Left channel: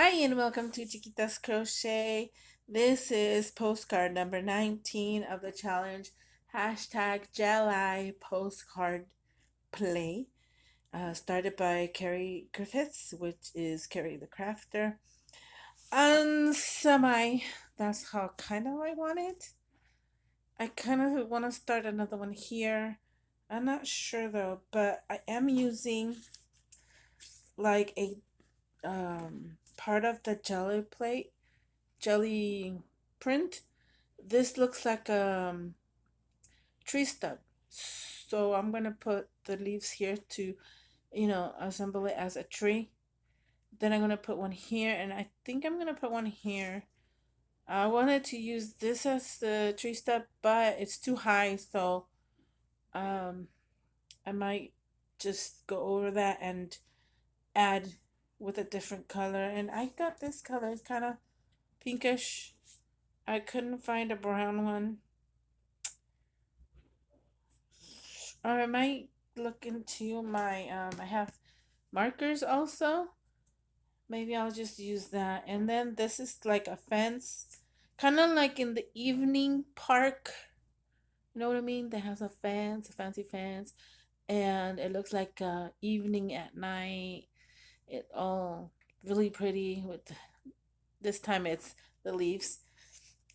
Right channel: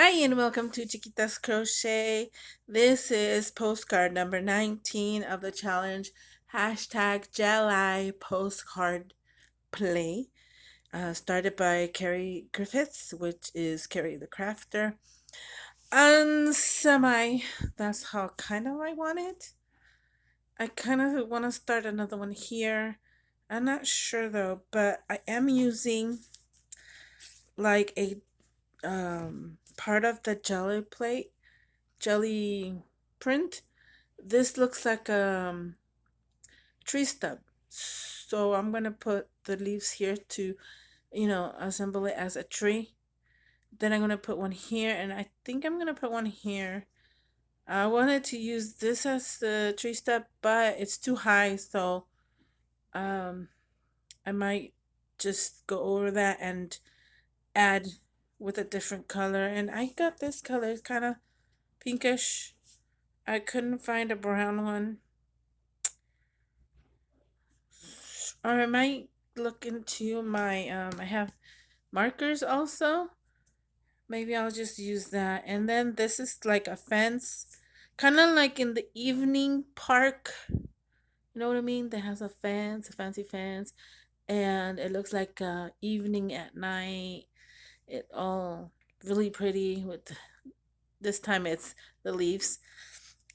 Hi, and welcome to Chiquitas Crochet. This is postcard number 19 of the challenge hashtag Jelly Postcard Play, started by Carrie Griffiths, which is Carrie the Crafter. And that's how kind of I want it. I kind of want to start another one here. I'm not sure though, but I am using like a part of the jelly plate, jelly print. This looks like a tree stub. So I'm going to put the leaves here to, assemble it as a tree. Then I'm going to put one here, and I think I'm going to put one here. I wanted to use this as the tree stub, but it's too high, so um, I might just go over that and add with a different color. And I got this color, it's kind of pinkish. I couldn't find a brown one. Or I might look into I have markers also. Maybe I'll just use that. And then this is like a fence, kind of like in the evening park. You know what I mean? That has a fence, a fancy fence, and it looks like evening at night. It all really pretty with this time it's the leaves.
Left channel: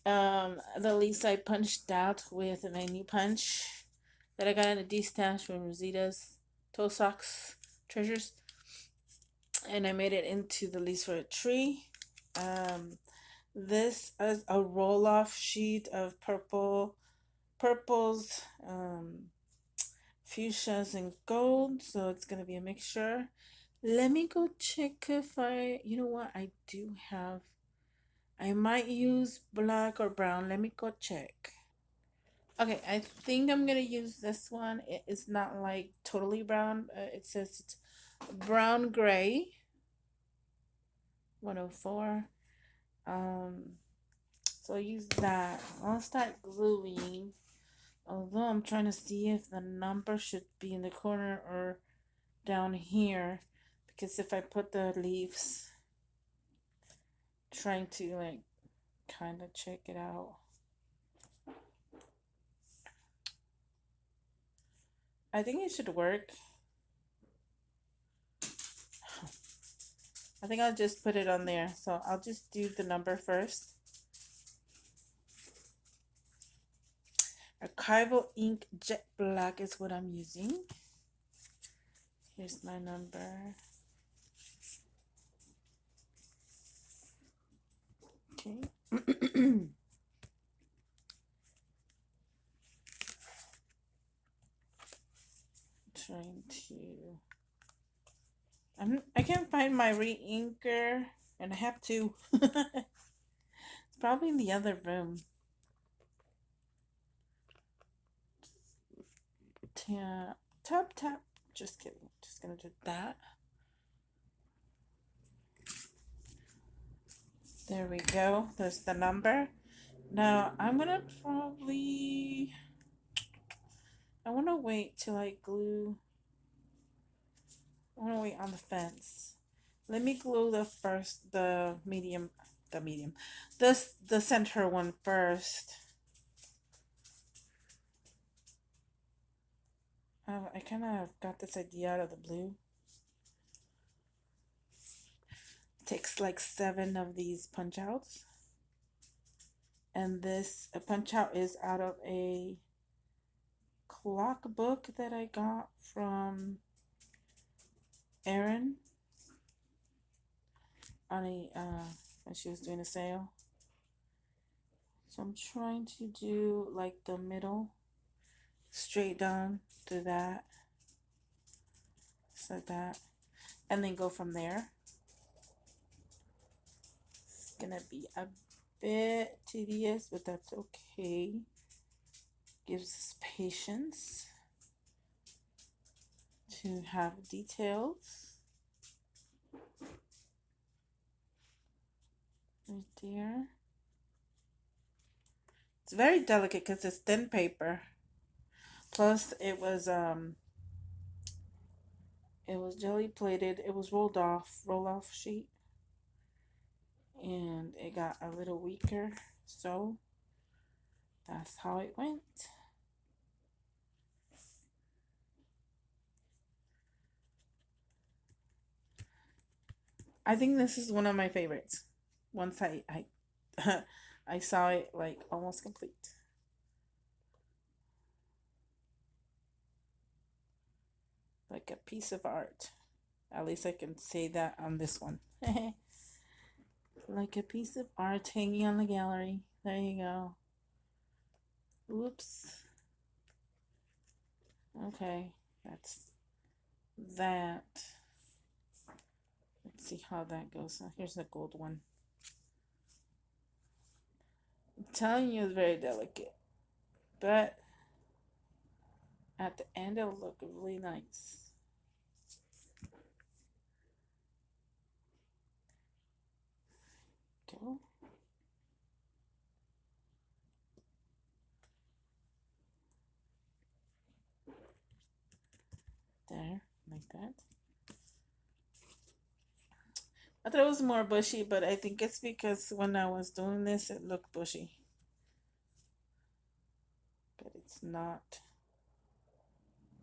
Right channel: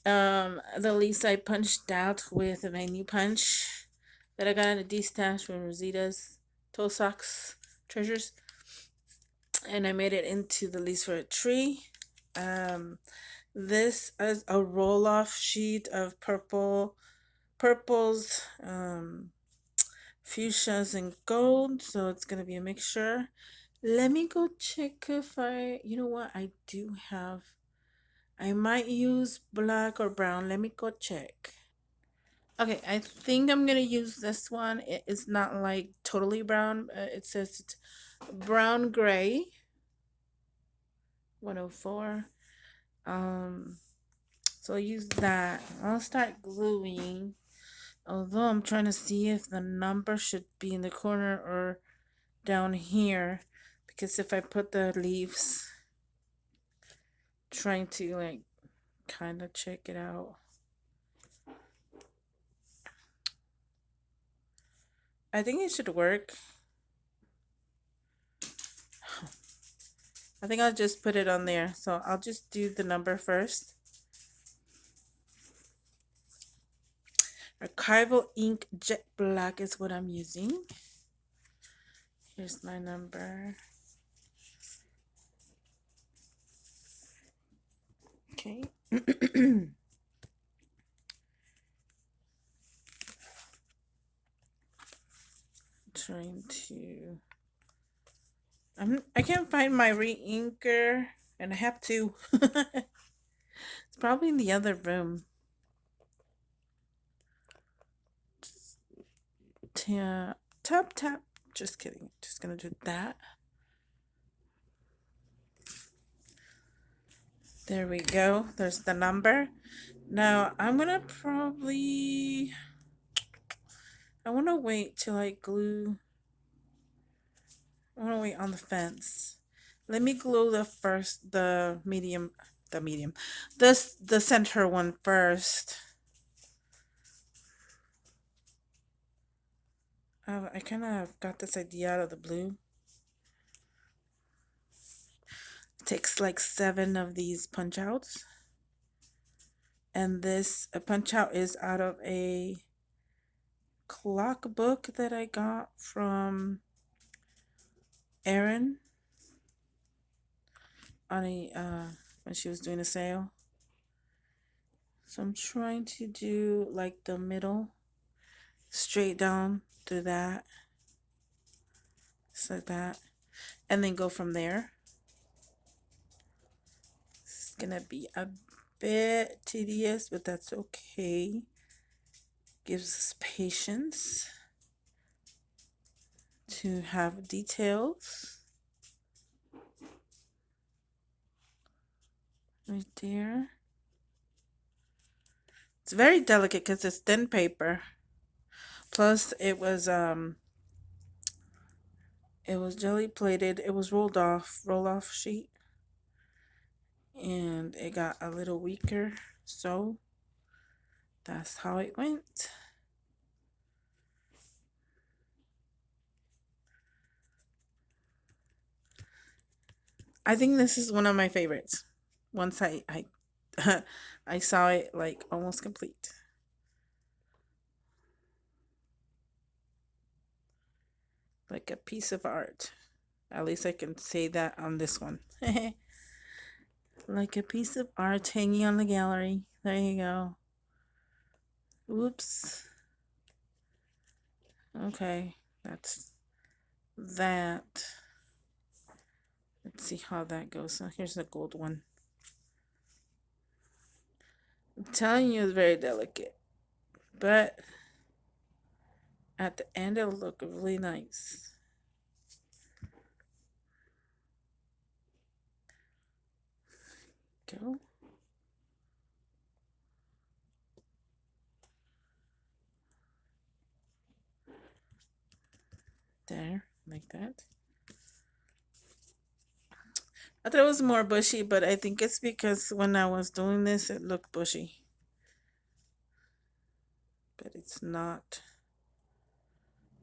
The leaves I punched out with a new punch that I got in a D stash from Rosita's Toe Socks Treasures, and I made it into the leaves for a tree. Um, this is a roll off sheet of purples, fuchsias, and gold. So it's gonna be a mixture. Let me go check if you know what, I do have. I might use black or brown. Let me go check. Okay, I think I'm gonna use this one. It is not like totally brown. It says it's brown gray 104. Um, so I'll use that. I'll start gluing. Although I'm trying to see if the number should be in the corner or down here, because if I put the leaves, trying to like kind of check it out. I think it should work. I think I'll just put it on there. So I'll just do the number first. Archival ink jet black is what I'm using. Here's my number. Okay. Trying to. I can't find my re-inker, and I have to. It's probably in the other room. Tap, tap, tap. Just kidding. Just gonna do that. There we go. There's the number. Now I'm gonna probably. I want to wait till I glue. I want to wait on the fence. Let me glue the medium, the center one first. I kind of got this idea out of the blue. It takes like 7 of these punch outs. And this punch out is out of a clock book that I got from Erin on when she was doing a sale. So I'm trying to do like the middle, straight down to that, just like that, and then go from there. It's gonna be a bit tedious, but that's okay. Gives us patience to have details right there. It's very delicate because it's thin paper. Plus, it was jelly plated. It was roll off sheet. and it got a little weaker. So that's how it went. I think this is one of my favorites. Once I saw it like almost complete. Like a piece of art. At least I can say that on this one. Like a piece of art hanging on the gallery. There you go. Oops. Okay, that's that. Let's see how that goes. So here's the gold one. I'm telling you, it's very delicate, but at the end, it'll look really nice. Go. There, like that. I thought it was more bushy, but I think it's because when I was doing this, it looked bushy. But it's not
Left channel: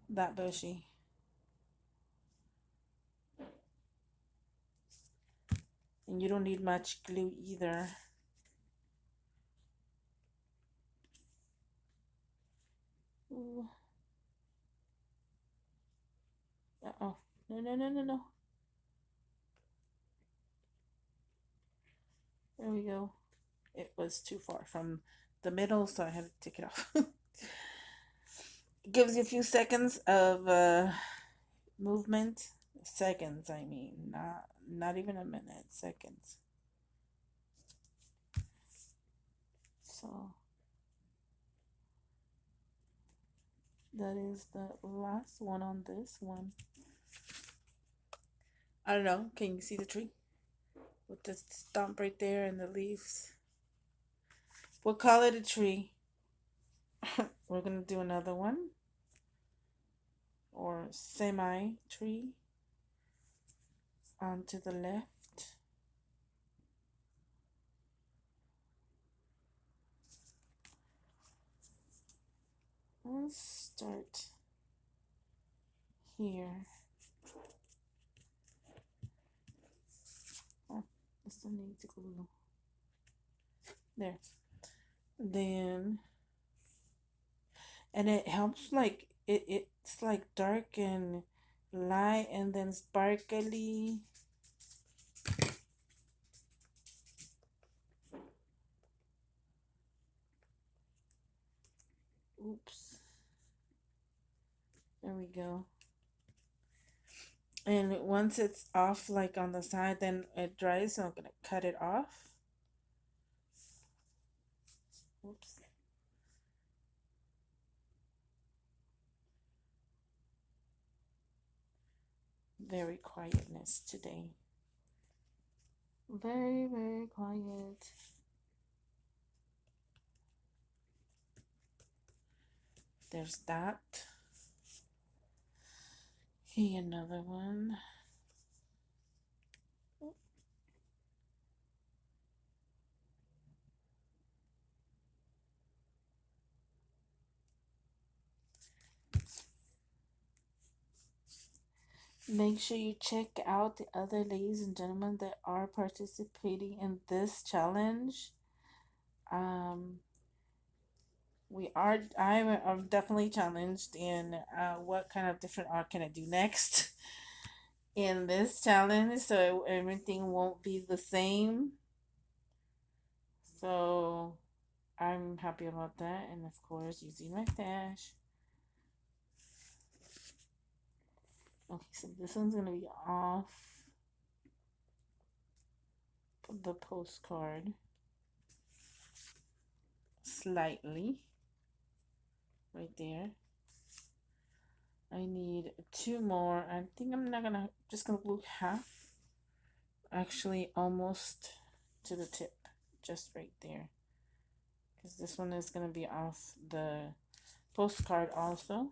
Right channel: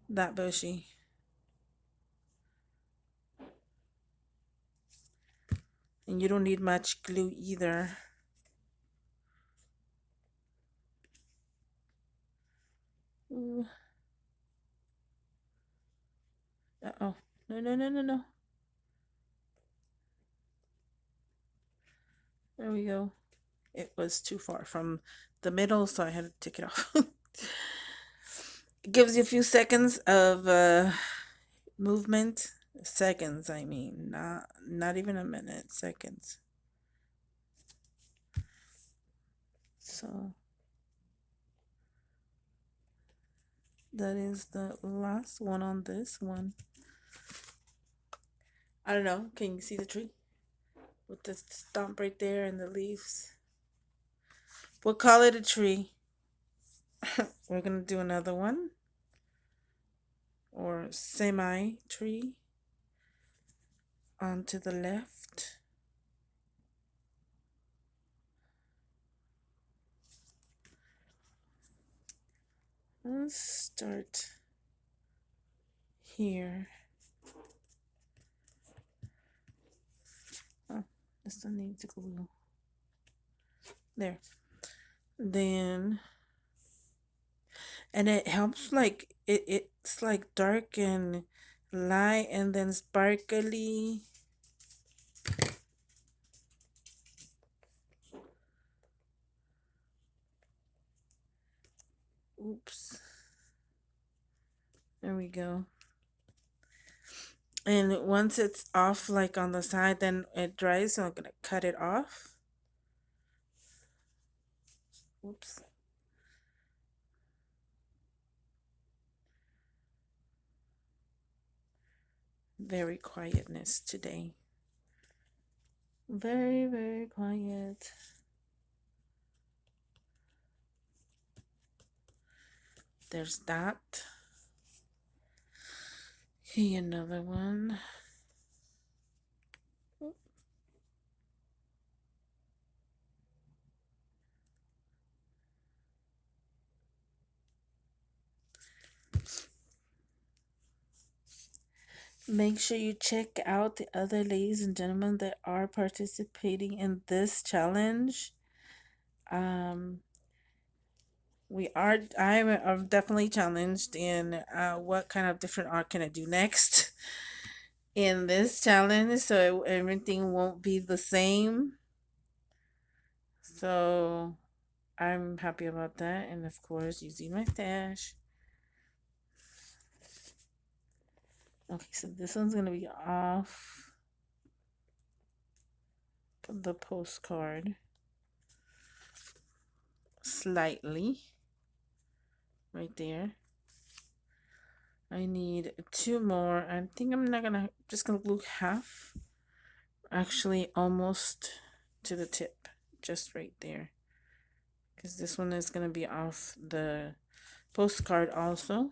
that bushy. And you don't need much glue either. Ooh. Uh-oh. No, no, no, no, no. There we go. It was too far from the middle, so I had to take it off. It gives you a few seconds of movement. Seconds, I mean, not even a minute. Seconds. So that is the last one on this one. I don't know. Can you see the tree with the stump right there and the leaves? We'll call it a tree. We're gonna do another one or semi tree on to the left. Let's start here. Oh, this doesn't need to glue. There. Then, and it helps like it's like dark and light and then sparkly. Oops. There we go. And once it's off like on the side, then it dries, so I'm gonna cut it off. Oops. Very quietness today. Very, very quiet. There's that. Okay, another one. Make sure you check out the other ladies and gentlemen that are participating in this challenge. Um, I'm definitely challenged in what kind of different art can I do next in this challenge, so everything won't be the same. So I'm happy about that, and of course using my stash. Okay, so this one's gonna be off the postcard slightly, right there. I need two more. I think I'm not gonna just gonna glue half. Actually, almost to the tip, just right there. Because this one is gonna be off the postcard also.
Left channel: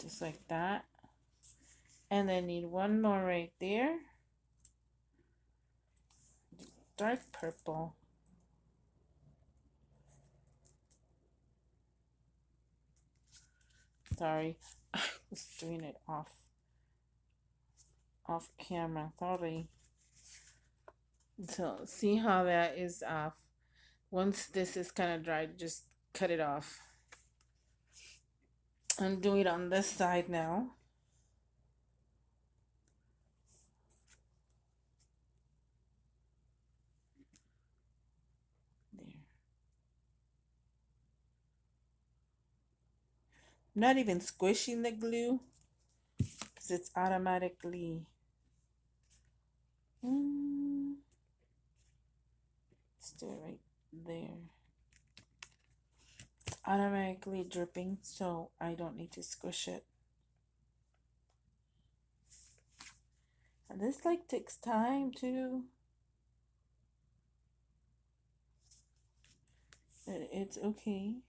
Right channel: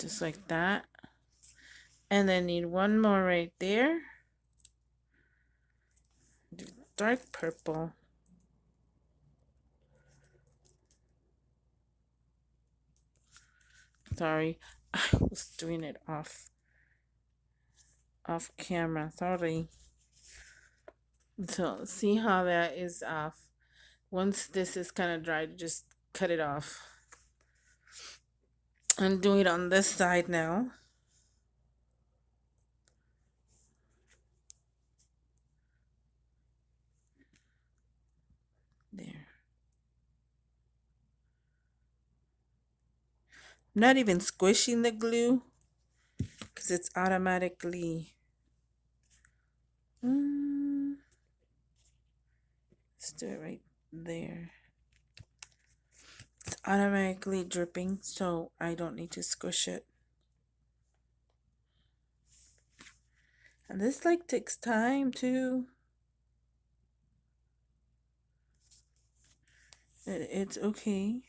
Just like that. And then need one more right there. Dark purple. Sorry, I was doing it off camera. Sorry. So see how that is off. Once this is kind of dry, just cut it off. I'm doing it on this side now. There. I'm not even squishing the glue because it's automatically. Let's do it right there. It's automatically dripping, so I don't need to squish it. And this like takes time too. It's okay.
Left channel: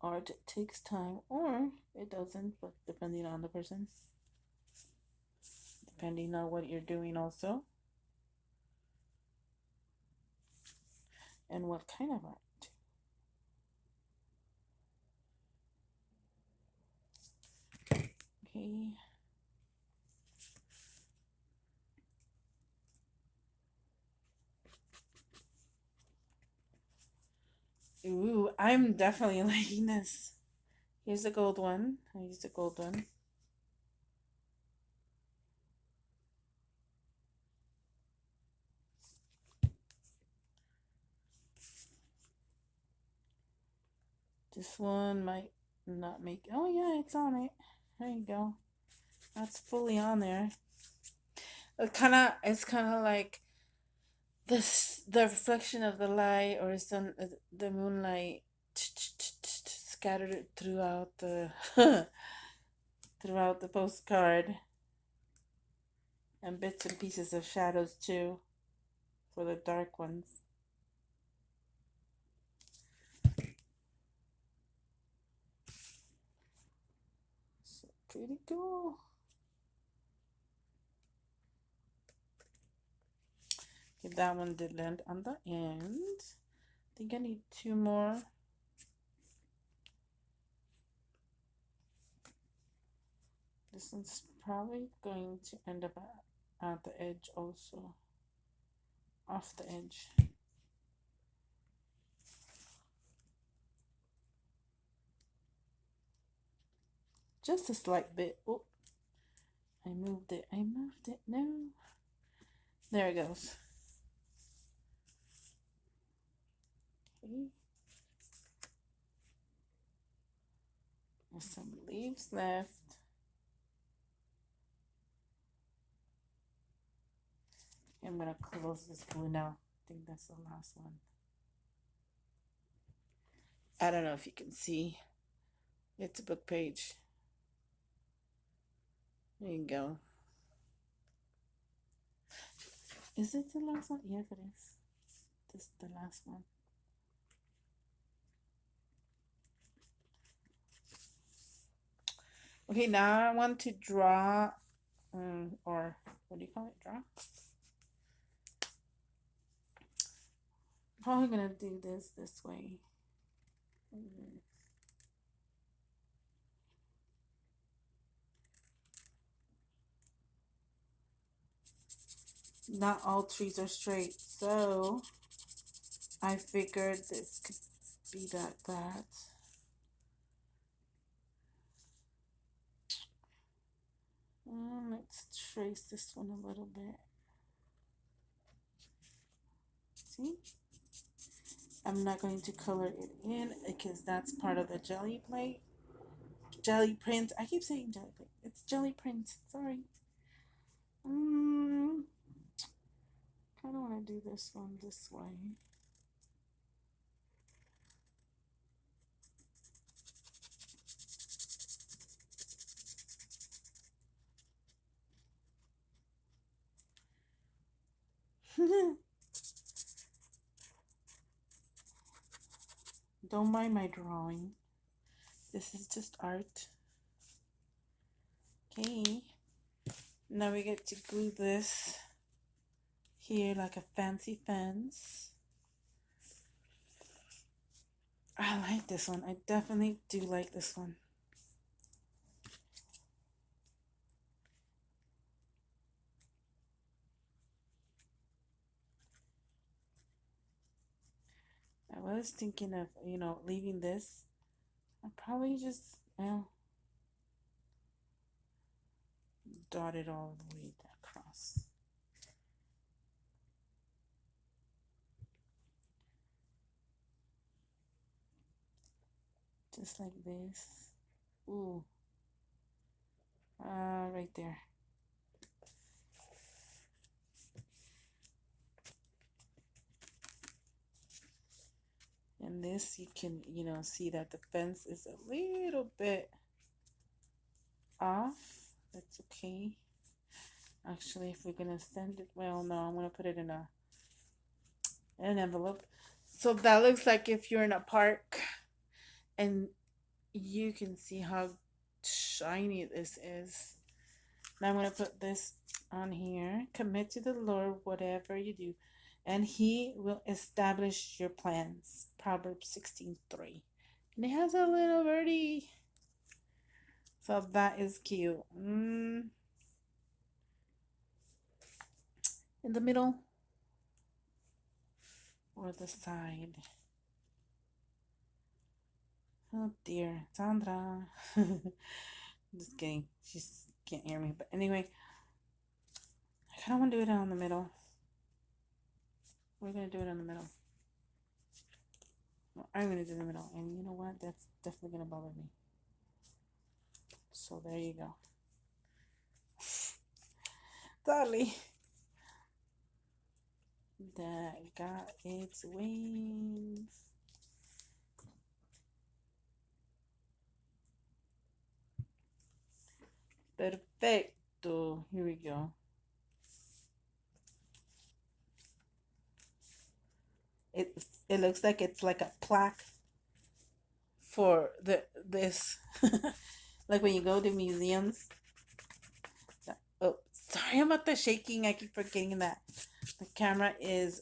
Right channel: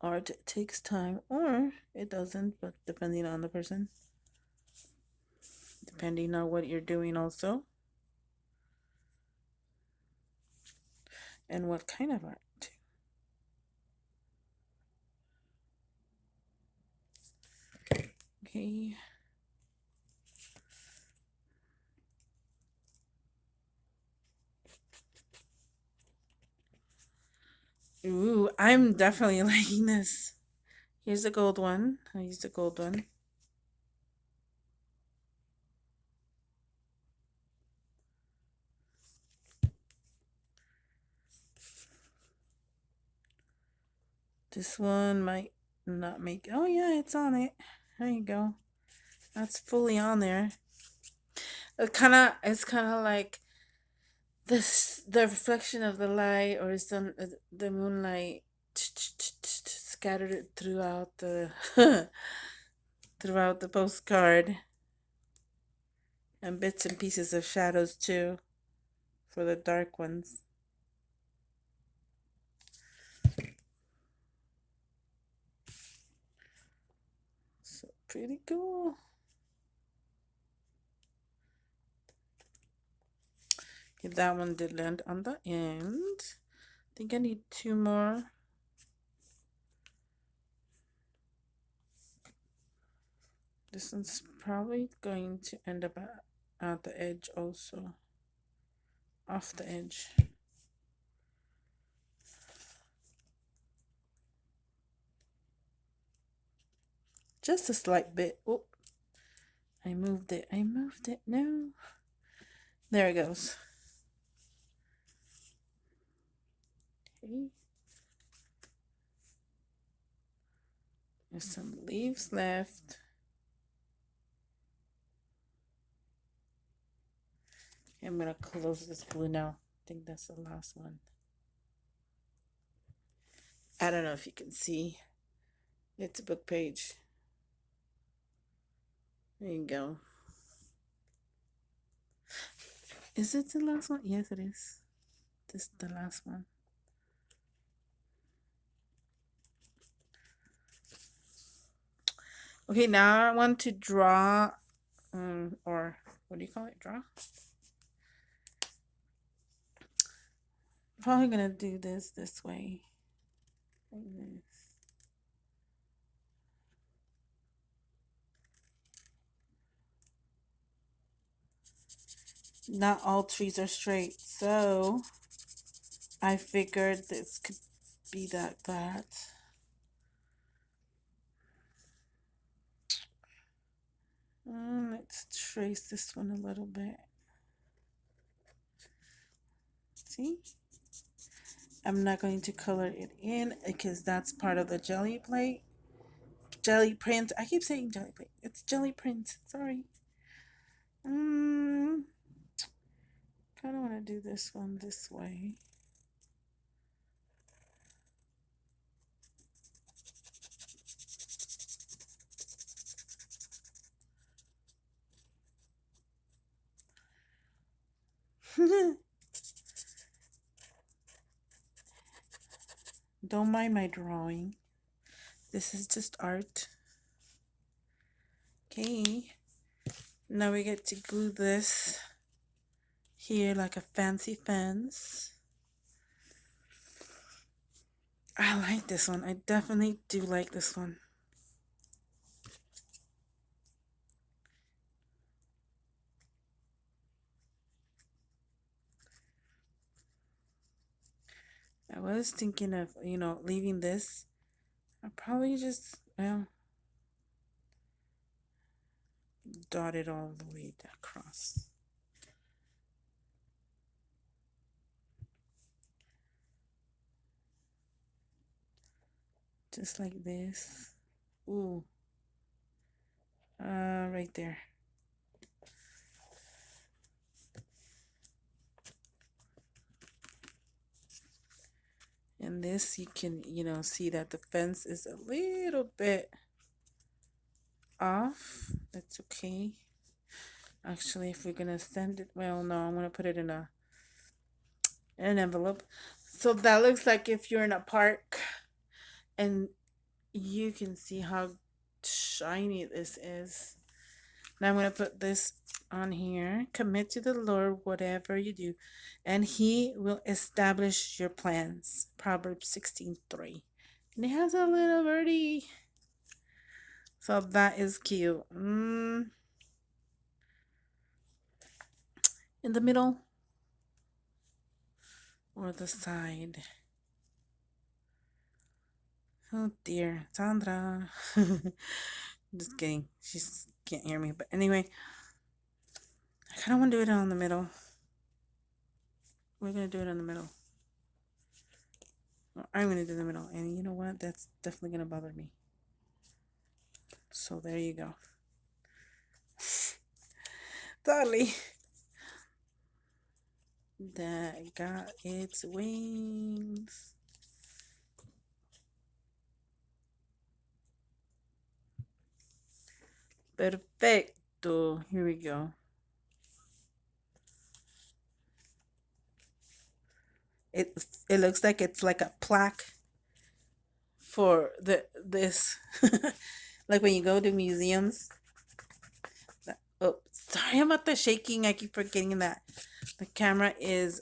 Art takes time, or it doesn't, but depending on the person. Depending on what you're doing also. And what kind of art. Okay. Ooh, I'm definitely liking this. Here's the gold one. I used the gold one. This one might not make. Oh yeah, it's on it. There you go. That's fully on there. It's kind of like this the reflection of the light or the moonlight scattered throughout the throughout the postcard, and bits and pieces of shadows too for the dark ones. So pretty cool. Okay, that one did land on the end. I think I need two more. This one's probably going to end up at the edge also. Off the edge. Just a slight bit. Oh, I moved it. No. There it goes. Okay. There's some leaves left. I'm going to close this glue now. I think that's the last one. I don't know if you can see. It's a book page. There you go. Is it the last one? Yes, it is. This is the last one. Okay, now I want to draw, or what do you call it? Draw? Probably gonna do this way. Like this. Not all trees are straight, so I figured this could be that. Let's trace this one a little bit. See? I'm not going to color it in because that's part of the jelly plate. Jelly print. I keep saying jelly plate. It's jelly print. Sorry. Kind of want to do this one this way. Don't mind my drawing. This is just art. Okay. Now we get to glue this here like a fancy fence. I like this one. I definitely do like this one. I was thinking of, leaving this. I'll probably just, well, dot it all the way across. Just like this. Ooh. Right there. And this, you can, see that the fence is a little bit off. That's okay. Actually, if we're gonna send it, well, no, I'm gonna put it in an envelope. So that looks like if you're in a park and you can see how shiny this is. Now I'm gonna put this on here. Commit to the Lord whatever you do, and He will establish your plans. Proverbs 16:3. And it has a little birdie. So that is cute. In the middle or the side. Oh dear, Sandra. Just kidding. She can't hear me. But anyway, I kind of want to do it on the middle. We're going to do it on the middle. Well, I'm going to do the middle. And you know what? That's definitely going to bother me. So there you go. Totally. That got its wings. Perfecto. Here we go. It looks like it's like a plaque for this like when you go to museums. Oh, sorry about the shaking. I keep forgetting that the camera is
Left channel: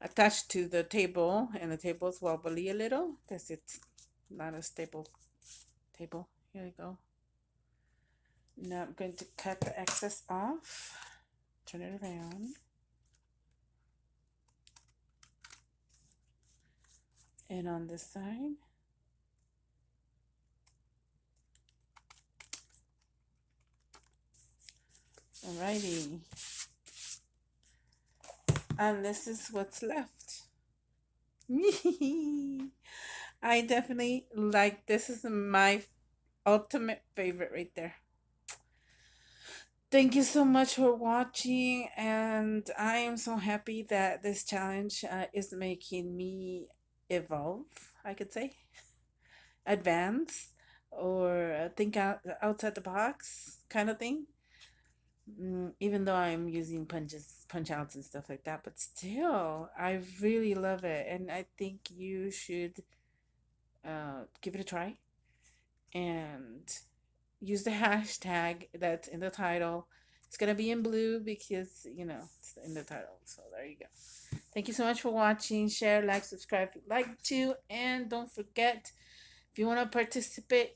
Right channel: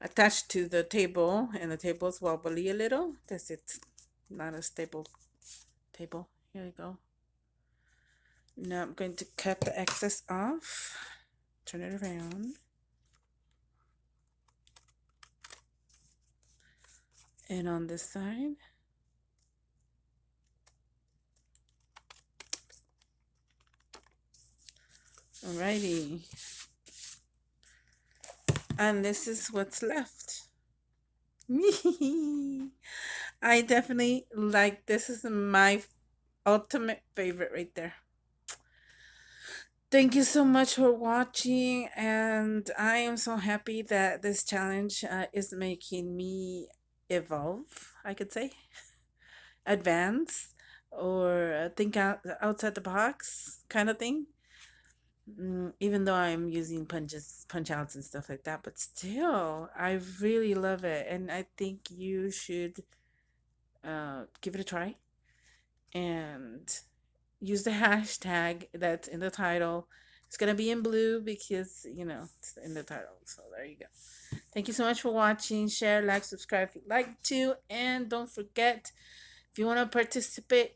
attached to the table, and the table is wobbly a little because it's not a stable table. Here we go. Now I'm going to cut the excess off. Turn it around. And on this side. Alrighty. And this is what's left. I definitely like this. Is my ultimate favorite right there. Thank you so much for watching, and I am so happy that this challenge is making me evolve, I could say, advance, or think outside the box kind of thing. Even though I'm using punch outs and stuff like that, but still, I really love it, and I think you should give it a try and use the hashtag that's in the title. It's gonna be in blue because it's in the title. So there you go. Thank you so much for watching. Share, like, subscribe if you'd like to, and don't forget, if you want to participate,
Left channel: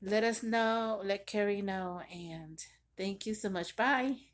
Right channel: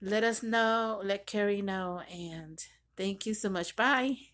let us know. Let Carrie know, and thank you so much. Bye.